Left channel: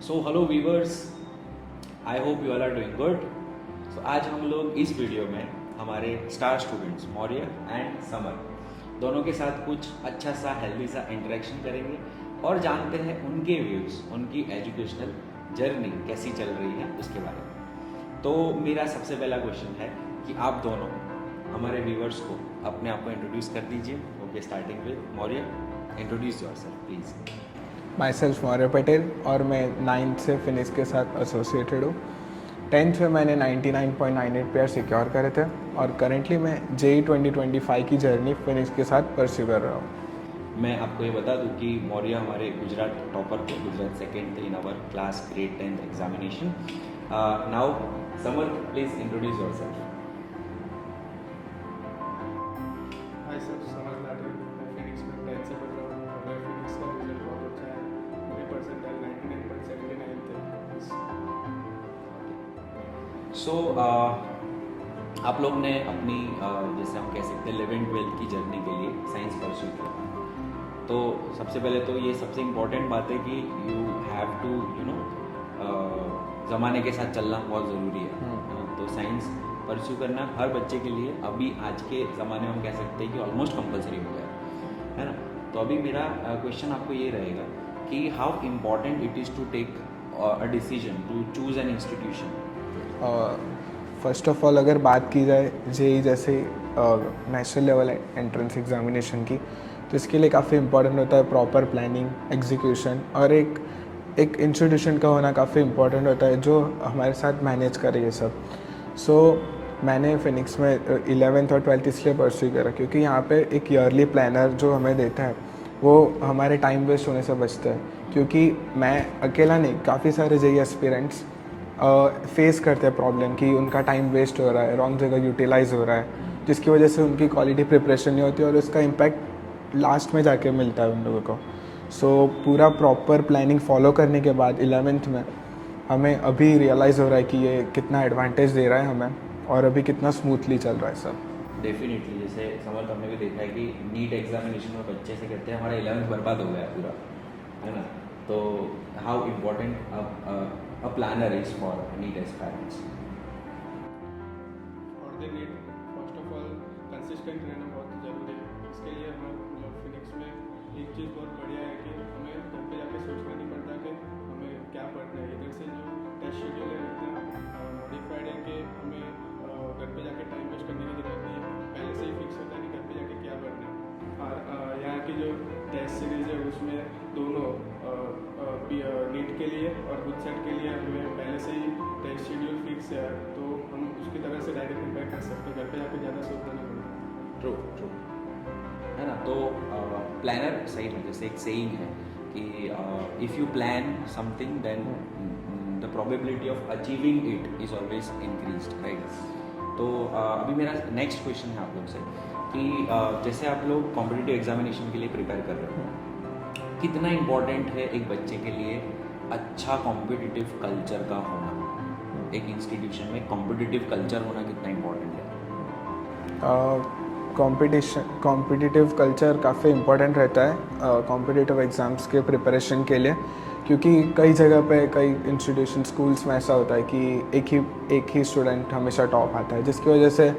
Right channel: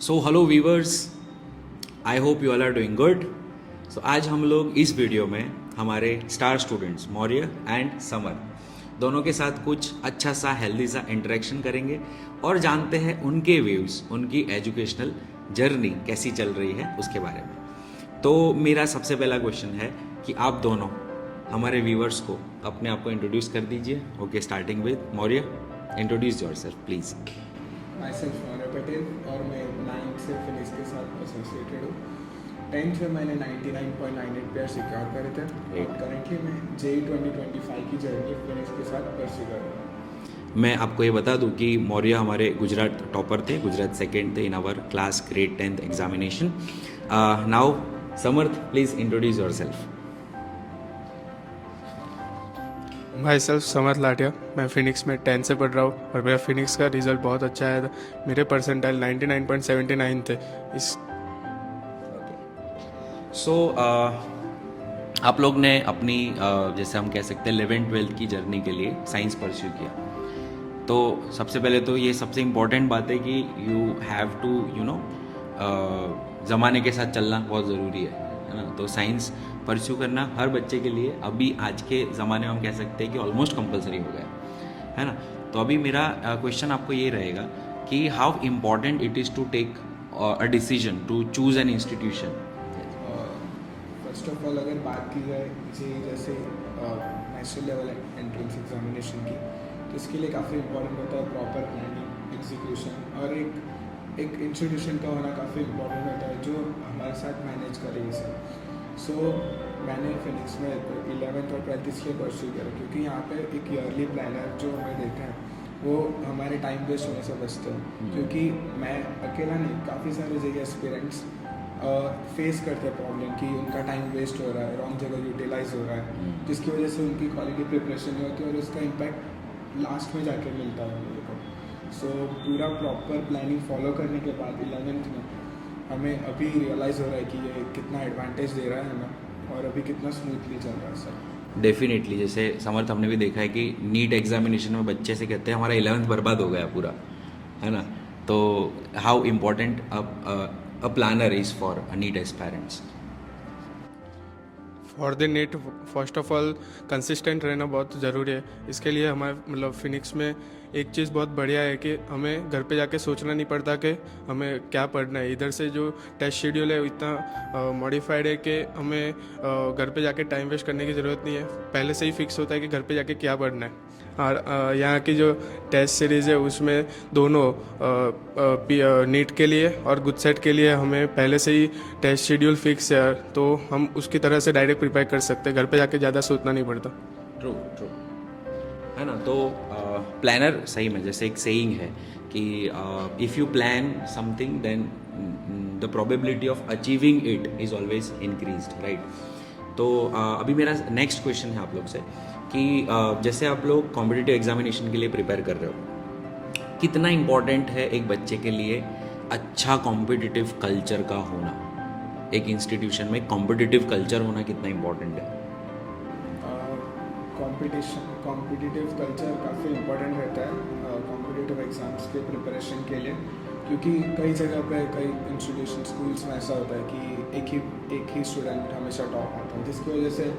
So hello viewers, I hope you all are doing good. So आज हम लोग इस वीडियो में हमारे star students Maurya and Samar दोनों के साथ कुछ अच्छा सा हेल्दी सा इंटरेक्शन करेंगे और जानते हैं उनके व्यूज़, उनकी एजुकेशनल जर्नी कैसी चल रही है उसके बारे में। तो मेरा सबसे पहला क्वेश्चन है कि आप दोनों हमारे व्यूवर्स को अपने आप को इंट्रोड्यूस कर दीजिए। Okay, starting with Maurya, introduce yourself please. My self Maurya Patel और मैं 9th से फिनिक्स के साथ एसोसिएटेड हूँ। 10th में मैंने 99.98 पेयर सिक्योर करे थे और करेंटली मैं JEE 2025 की जर्नी फिनिक्स के साथ परस्यू कर रहा हूँ। मैं आपको ये बता दूं कि मौर्य हमारे गुजरात टॉपर थे, गुजरात सेकेंड थे in our class grade 10th examination. Now Samarth, please introduce yourself. भाई सेल्फ समर लाटिया, मैं फिनिक्स में 10 से पढ़ रहा हूँ और मेरा फिनिक्स का रिजल्ट बहुत अच्छा आया था। मेरे परसेंटाइल 99.79 थे। इस सो आप लोग ने अपनी जैसे हम कह सकते हैं 11th-12th की जर्नी के लिए साइंस परस्यू किया। तो सबसे पहले तो ये सबसे इम्पोर्टेंट बात है कि यू हैव टू ज़माने के साथ चलना बहुत ज़रूरी है ना। तो साइंस परस्यू करना हर बच्चे के लिए अभी आज के ज़माने में हम कह सकते हैं कि ऑलमोस्ट कंपलसरी हो गया है ना। तो अभी मेरा क्वेश्चन आपको ये रहेगा कि how important it is to take a decision to choose an institution. First of all अगर बात की जाए JEE जैसे नेशनल लेवल एंट्रेंस एग्जामिनेशन की, तो इसके लिए काफ़ी इंपॉर्टेंट होता है प्रॉपर प्लानिंग, एग्जीक्यूशन और एक इंस्टीट्यूशन का होना काफ़ी इंपॉर्टेंट होता है जो हमारे साथ मैनेज करे ये सब। सो मैंने फिनिक्स में 11th और 12th इसलिए परस्यू करा क्योंकि यहाँ पे एक ईयरली प्लानर जो हमें देता है वो हमारे टाइम वेस्ट होने से बचता है। क्योंकि मैं अकेला नहीं, काफ़ी सारे JEE एस्पिरेंट्स फेस करते हैं प्रॉब्लम कि उनका टाइम वेस्ट हो रहा है, रॉन्ग जगह यूटिलाइज हो रहा है, जिसकी वजह से उनकी क्वालिटी प्रिपरेशन नहीं होती और उसका इम्पैक्ट लास्ट में जाके मिलता है उन लोगों को। सो पूरा प्रॉपर प्लानिंग फॉलो करने के बाद 11th में हमें अभी रियलाइज़ हो रहा है कि ये कितना एडवांटेज दे रहा है हमें और अभी कितना स्मूथली चल रहा है सब। डेफिनेटली, जैसे समर्थ हमने भी देखा है कि नीट एग्जामिनेशन में बच्चे से कहते हैं हमारा 11th बर्बाद हो गया पूरा, है ना। तो how important a planner is for NEET aspirants. For the NEET first of all consistent रहना बहुत ज़रूरी है। इसके लिए हमारे मतलब फिनिक्स में एक चीज़ बहुत बढ़िया है कि हमें घर पे जाके सोचना नहीं पड़ता कि हमें क्या पढ़ना है। इधर से जो टेस्ट शेड्यूल है वो इतना मॉडिफाइड है कि हमें घर पे जाके टाइम वेस्ट करने की ज़रूरत नहीं है। पहले से ही फिक्स होता है कि घर पे जाके क्या पढ़ना है। और यहाँ की जो टेस्ट सीरीज़ है उसमें दोनों नीट के लिए और गुड सेट के लिए हमें पहले से ही टेस्ट शेड्यूल फिक्स है, तो हम उसकी तरह से डायरेक्ट प्रिपेयर कर सकते हैं। घर पे जाके ज़्यादा सोचना नहीं पड़ता। ट्रू ट्रू, है ना। तो प्लानर सही में जैसे एक सेइंग है कि if you plan something then the probability of achieving it is always increased, right. तो अभी मेरा नेक्स्ट क्वेश्चन है आप लोग से कि जैसे आप लोग कॉम्पिटिटिव एग्जामिनेशन के लिए प्रिपेयर कर रहे हो, कितना इम्पोर्टेंट है एक बच्चे के लिए अच्छा कॉम्पिटिटिव कल्चर का होना। एक इंस्टीट्यूशन में कॉम्पिटिटिव कल्चर होना कितना इम्पोर्टेंट है? कॉम्पिटिटिव कल्चर काफ़ी इम्पोर्टेंट रहता है कॉम्पिटिटिव एग्ज़ाम्स के प्रिपरेशन के लिए, क्योंकि कई जगह पे कई इंस्टीट्यूशन स्कूल्स में ऐसा होता है कि एक ही स्टूडेंट हमेशा टॉप आता है, जिसकी वजह से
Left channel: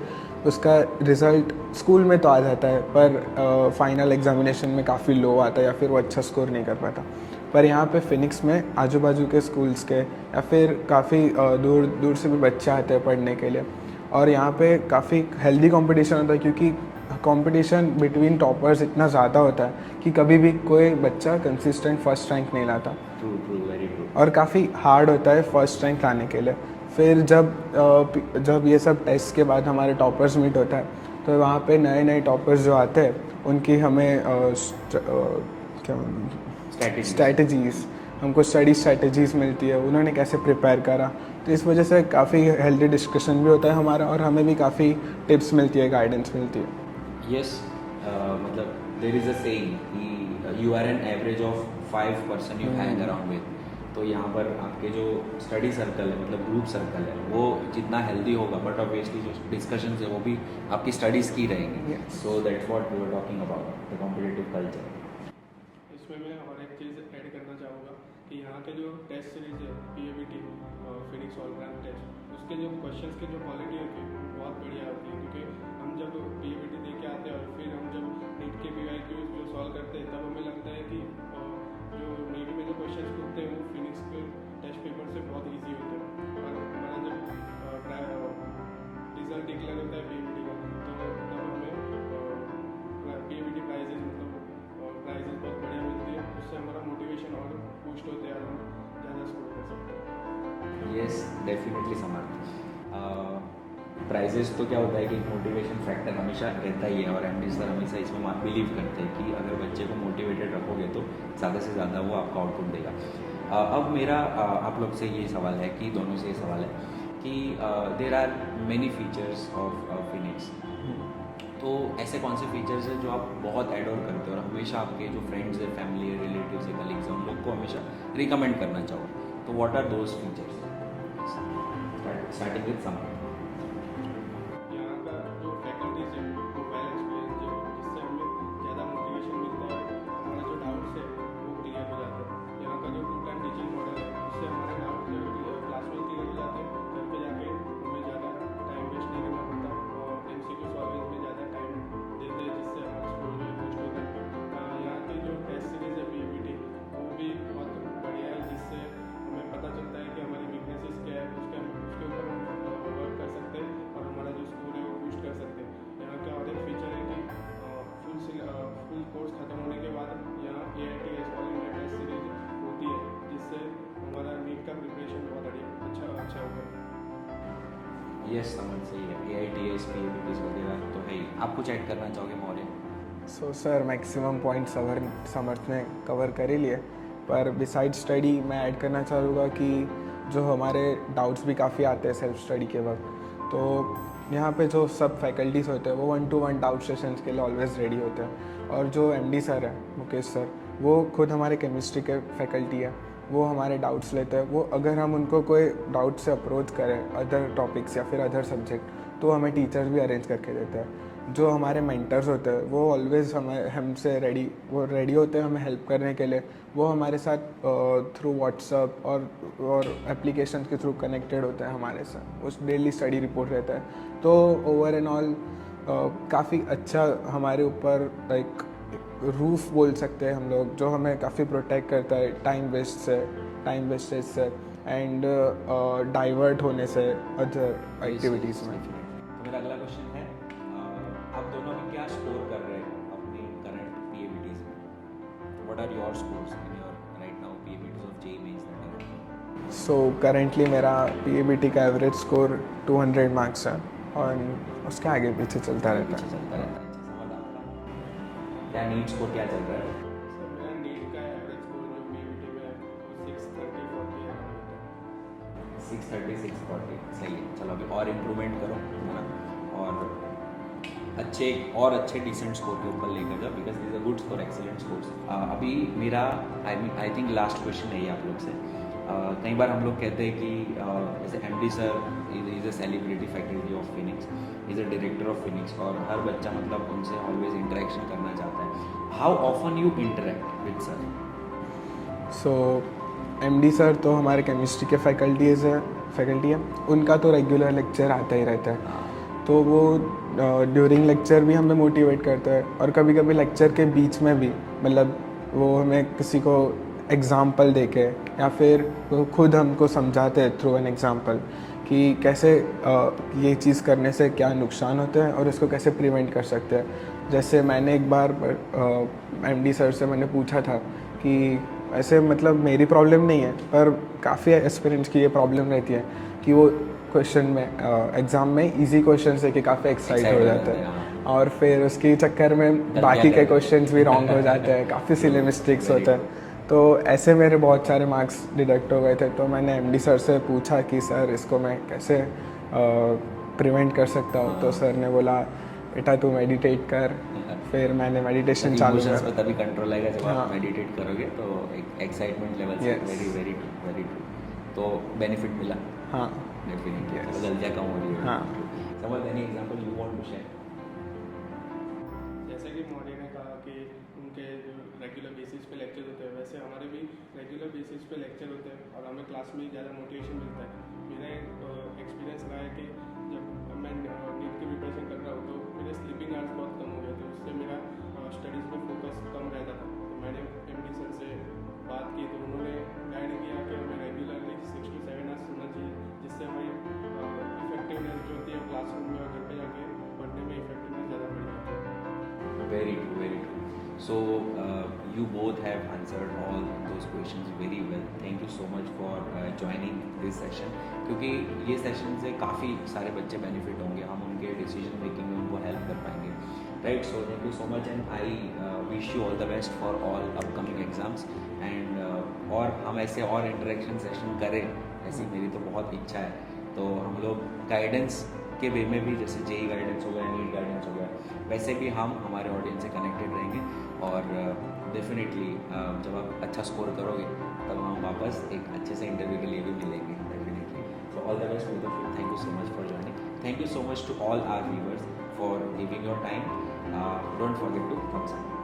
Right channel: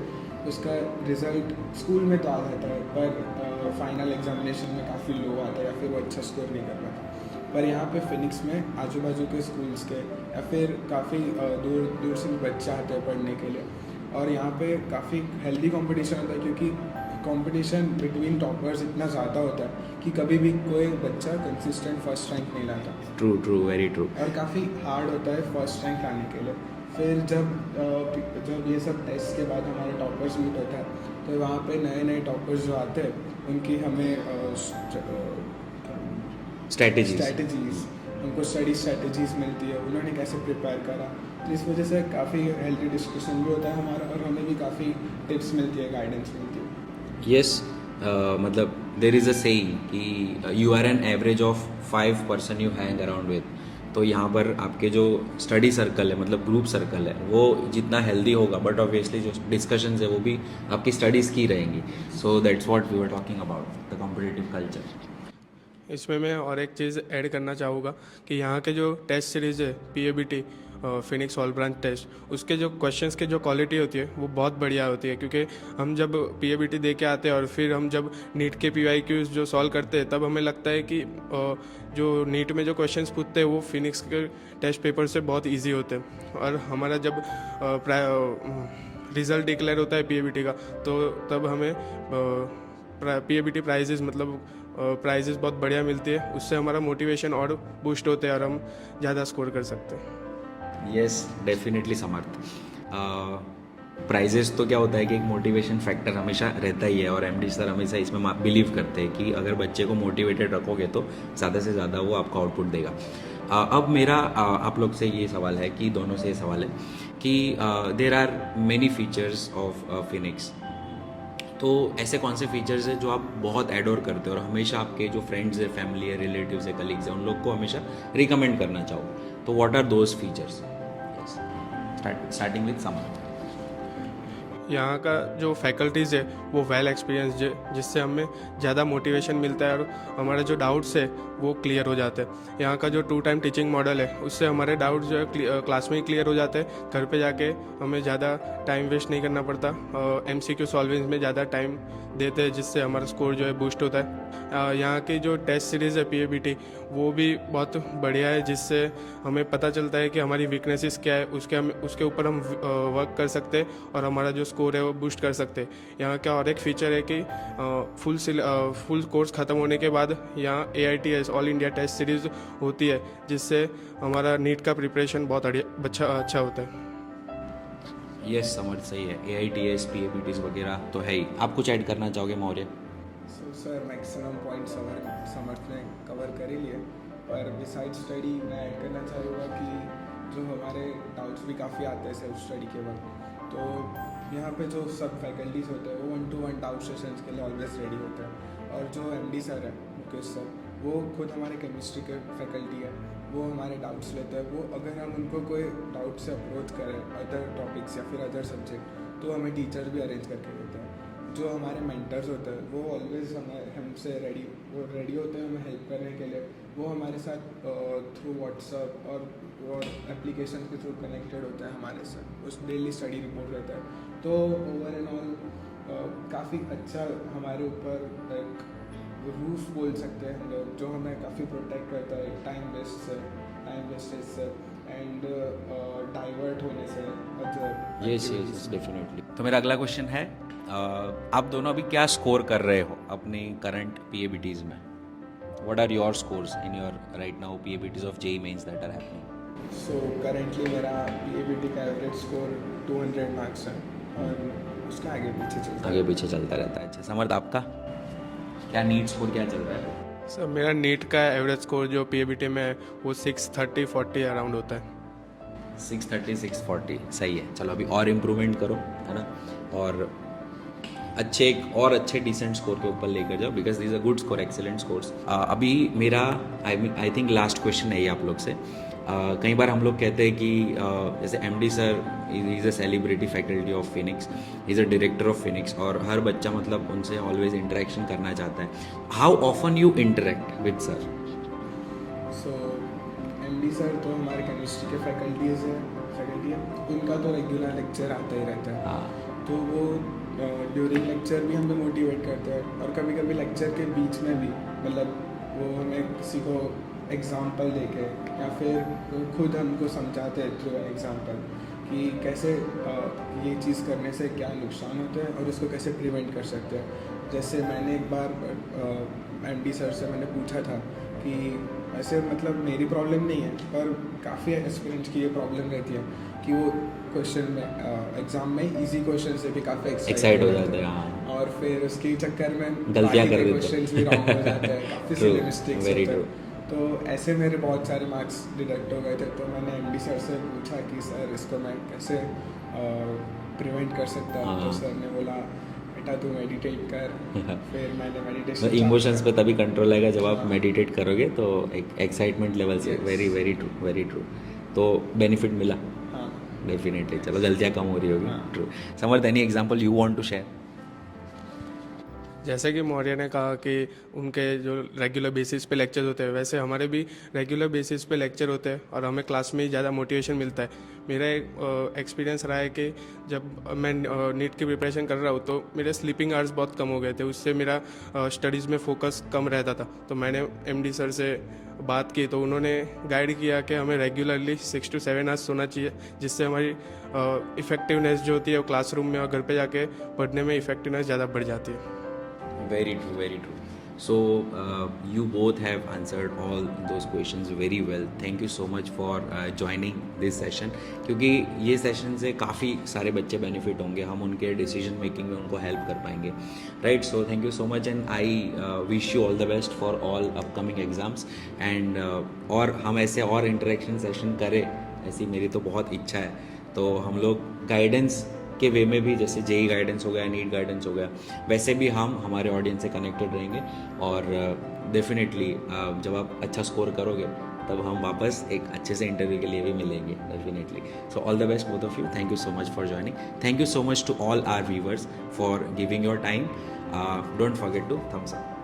उसका रिज़ल्ट स्कूल में तो आ जाता है पर फाइनल एग्जामिनेशन में काफ़ी लो आता है या फिर वो अच्छा स्कोर नहीं कर पाता। पर यहाँ पे फिनिक्स में आजू बाजू के स्कूल्स के या फिर काफ़ी दूर दूर से भी बच्चे आते हैं पढ़ने के लिए और यहाँ पे काफ़ी हेल्दी कंपटीशन होता है, क्योंकि कंपटीशन बिटवीन टॉपर्स इतना ज़्यादा होता है कि कभी भी कोई बच्चा कंसिस्टेंट फर्स्ट रैंक नहीं लाता। True true, very true. और काफ़ी हार्ड होता है फर्स्ट रैंक लाने के लिए। फिर जब ये सब टेस्ट के बाद हमारे टॉपर्स मीट होता है तो वहाँ पे नए नए टॉपर्स जो आते हैं उनकी हमें क्या स्ट्रैटेजीज़ हमको स्टडी स्ट्रैटेजीज़ मिलती है, उन्होंने कैसे प्रिपेयर करा। तो इस वजह से काफ़ी हेल्दी डिस्कशन भी होता है हमारा और हमें भी काफ़ी टिप्स मिलती है, गाइडेंस मिलती है। यस, मतलब देर इज़ अ सेइंग कि you are an average of 5 person you hang around with. तो यहाँ पर आपके जो स्टडी सर्कल है, मतलब ग्रुप सर्कल है, वो जितना हेल्दी होगा, बट ऑब्वियसली जो डिस्कशन है वो भी आपकी स्टडीज़ की रहेंगी। So that's what we were talking about the competitive culture. इसमें मैं और एक चीज़ ऐड करना चाहूँगा कि यहाँ के जो टेस्ट सीरीज़ है PABT Phoenix all branch test, उसके जो क्वेश्चंस के जो क्वालिटी होती है वो बहुत बढ़िया होती है, क्योंकि हम जब PABT दे के आते हैं और फिर हम जब नीट के PYQs जो सॉल्व करते हैं तब हमें लगता है कि जो नीट में जो क्वेश्चंस पूछते हैं वो फिनिक्स के टेस्ट पेपर से बहुत ईजी होते हैं। और हमारा जब रिज़ल्ट डिक्लेयर होता है PABT का, तो तब हमें PABT प्राइजेस मतलब प्राइजेस बहुत बढ़िया मिलती है, उससे हमारा मोटिवेशन और बूस्ट होते हैं और हम ज़्यादा स्कोर कर सकते हैं। यस डेफिनेटली समर्थ। प्राइजेस तो क्या होता है कि एक मोटिवेशन फैक्टर हमेशा रहता ही है, और MD सर हमेशा इसमें बिलीव करते हैं कि अगर बच्चे को मोटिवेटेड रखोगे तो ज़्यादा से ज़्यादा वो आपको आउटपुट देगा। अब मेरा आप लोग से ये सवाल है कि दोनों से ये सवाल है कि there are many features of Phoenix, तो ऐसे कौन से फीचर्स हैं जो आप बहुत एडोर करते हो और हमेशा आपके जो फ्रेंड्स है, फैमिली है, रिलेटिव्स है, कलीग्स हैं, उन लोग को हमेशा रिकमेंड करना चाहो, तो what are those features? Starting with Samar. यहाँ का जो फैकल्टीज़ है वो वेल एक्सपीरियंस्ड है, जिससे हमें ज़्यादा मोटिवेशन मिलता है और हमारे जो डाउट्स है वो क्लियर हो जाते हैं। यहाँ का जो 2 टाइम टीचिंग मॉडल है उससे हमारे डाउट्स जो है क्लास में ही क्लियर हो जाते हैं, घर पे जाके हमें ज़्यादा टाइम वेस्ट नहीं करना पड़ता। MCQ सॉल्विंग में ज़्यादा टाइम देते हैं, जिससे हमारा स्कोर जो है बूस्ट होता है। यहाँ की जो टेस्ट सीरीज़ है PABT वो भी बहुत बढ़िया है, जिससे हमें पता चलता है कि हमारी वीकनेसेस क्या है, उसके ऊपर हम वर्क कर सकते हैं और हमारा जो स्कोर है वो बूस्ट कर सकते हैं। यहाँ का और एक फीचर है कि फुल कोर्स ख़त्म होने के बाद यहाँ AITS all India test series होती है, जिससे हमारा नीट का प्रिपरेशन बहुत अच्छा होता है। यस समझ सही है, AITS PABTs वगैरह तो है ही। आप कुछ ऐड करना चाहोगे Maurya? So sir maximum point Samarth ने कवर कर ही लिए, पर बिसाइड स्टडी मैं ऐड करना चाहूँगा कि जो हमारे डाउट्स भी काफ़ी आते हैं सेल्फ स्टडी के वक्त, तो यहाँ पे जो सब फैकल्टीज़ होते हैं वो 1-to-1 डाउट सेशंस के लिए ऑलवेज रेडी होते हैं। और जो MD सर है मुकेश सर, वो खुद हमारे केमिस्ट्री के फैकल्टी है, वो हमारे डाउट्स लेते हैं। वो अगर हम उनको कोई डाउट से अप्रोच करें अदर टॉपिक्स या फिर अदर सब्जेक्ट, तो हमें टीचर्स भी अरेंज करके देते हैं। जो हमारे मेंटर्स होते हैं वो ऑलवेज हमसे रेडी होते हैं हमें हेल्प करने के लिए। वो हमारे साथ थ्रू व्हाट्सअप और एप्लीकेशन के थ्रू कनेक्टेड होते हैं हमारे साथ, उस डेली स्टडी रिपोर्ट रहता है। तो ओवर एंड ऑल काफ़ी अच्छा हमारे ऊपर लाइक रूफ बोल सकते हैं हम लोग, जो हमें काफ़ी प्रोटेक्ट करता है टाइम वेस्टेज से एंड डाइवर्ट होने से अदर एक्टिविटीज़ में। डेफिनेटली। तो मेरा अगला क्वेश्चन है, आप दोनों अभी क्या स्कोर कर रहे हो अपने करंट PABTs में? What are your scores in your right now PABTs of JEE mains that are happening? So currently मेरा PABT का एवरेज स्कोर 200 मार्क्स है और उसके आगे पीछे चलता रहता है। अच्छा समर्थ, आपका क्या नीट स्कोर क्या चल रहा है? सर मेरा नीट का एवरेज स्कोर जो PABT में है वो 630-40 अराउंड होता है। 630-640 सही है। चलो अभी और इम्प्रूवमेंट करो, है ना, और अच्छे डिसेंट स्कोर के ऊपर लेकर जाओ, because this a good score, excellent scores. अभी मेरा आई थिंक लास्ट क्वेश्चन है ये आप लोग से। कई बार हम लोग कहते हैं कि जैसे MD sir is a celebrity faculty of Phoenix, is a director of Phoenix, और हर बच्चा मतलब उनसे ऑलवेज इंटरेक्शन करना चाहता है। How often you interact with sir? So MD sir तो हमारे केमिस्ट्री के फैकल्टी है, उनका तो रेगुलर लेक्चर आता ही रहता है। तो वो ड्यूरिंग लेक्चर भी हमें मोटिवेट करता है, और कभी कभी लेक्चर के बीच में भी मतलब वो हमें किसी को एग्ज़ाम्पल देके या फिर वो खुद हमको समझाते हैं थ्रू एन एग्ज़ाम्पल कि कैसे ये चीज़ करने से क्या नुकसान होते हैं और इसको कैसे प्रिवेंट कर सकते हैं। जैसे मैंने एक बार MD सर से मैंने पूछा था कि ऐसे मतलब मेरी प्रॉब्लम नहीं है, पर काफ़ी एस्पिरेंट्स की ये प्रॉब्लम रहती है कि वो क्वेश्चन में एग्ज़ाम में इजी क्वेश्चन से कि काफ़ी एक्साइट हो जाते हैं, और फिर उसके चक्कर में बाकी के क्वेश्चंस भी रॉन्ग हो जाते हैं, काफ़ी सिली मिस्टेक्स होते हैं। तो ऐसे मेरे बहुत सारे मार्क्स डिडक्ट हो गए थे। तो मैंने MD सर से पूछा कि सर इसको मैं कैसे प्रिवेंट कर सकता हूँ। तो सर ने बोला बेटा तू मेडिटेट कर। फिर मैंने मेडिटेशन चालू इमोशंस पे किया। तभी कंट्रोल आएगा जब आप हाँ। मेडिटेट करोगे, तो एक एक्साइटमेंट लेवल से। Yes. Very true. तो बेनिफिट मिला हाँ डेफिनेटली। चलो गलतियाँ कम हो रही होगी। हाँ। True. Samarth, any example you want to share? जैसे कि मौर्य ने कहा कि उनके जो रेगुलर बेसिस पे लेक्चर होते हैं, वैसे हमारे भी रेगुलर बेसिस पे लेक्चर होते हैं और हमें क्लास में ही ज़्यादा मोटिवेशन मिलता है। मेरा एक एक्सपीरियंस रहा है कि जब मैं नीट की प्रिपरेशन कर रहा हूँ तो मेरे स्लीपिंग आवर्स बहुत कम हो गए थे, उससे मेरा स्टडीज़ में फोकस कम रहता था। तो मैंने एमडी सर से बात की तो उन्होंने गाइड किया कि हमें रेगुलरली 6 to 7 आवर्स सोना चाहिए, जिससे हमारी इफ़ेक्टिवनेस जो होती है वो क्लासरूम में और घर पे जाके पढ़ने में इफ़ेक्टिवनेस ज़्यादा बढ़ जाती है। Very true, very true. So you both have answered all those questions very well. Thank you so much for joining this session. क्योंकि ये सेशन से काफ़ी सारे बच्चे बेनिफिट होंगे, हम उनके डिसीजन मेकिंग में उनको हेल्प कर पाएंगे, right? So thank you so much and I wish you all the best for all upcoming exams and और हम ऐसे और इंटरेक्शन सेशन करें, ऐसी मेरी तो बहुत इच्छा है। तो हम लोग गाइडेंस के वे में भी, जैसे जेई गाइडेंस हो गया, नीट गाइडेंस हो गया, वैसे भी हम हमारे ऑडियंस से कनेक्टेड रहेंगे और डेफिनेटली जब आप अच्छा स्कोर करोगे तब हम वापस एक अच्छे से इंटरव्यू के लिए भी मिलेंगे definitely. So all the best both of you, thank you so much for joining, thank you so much to all our viewers for giving your time, don't forget to thumbs up.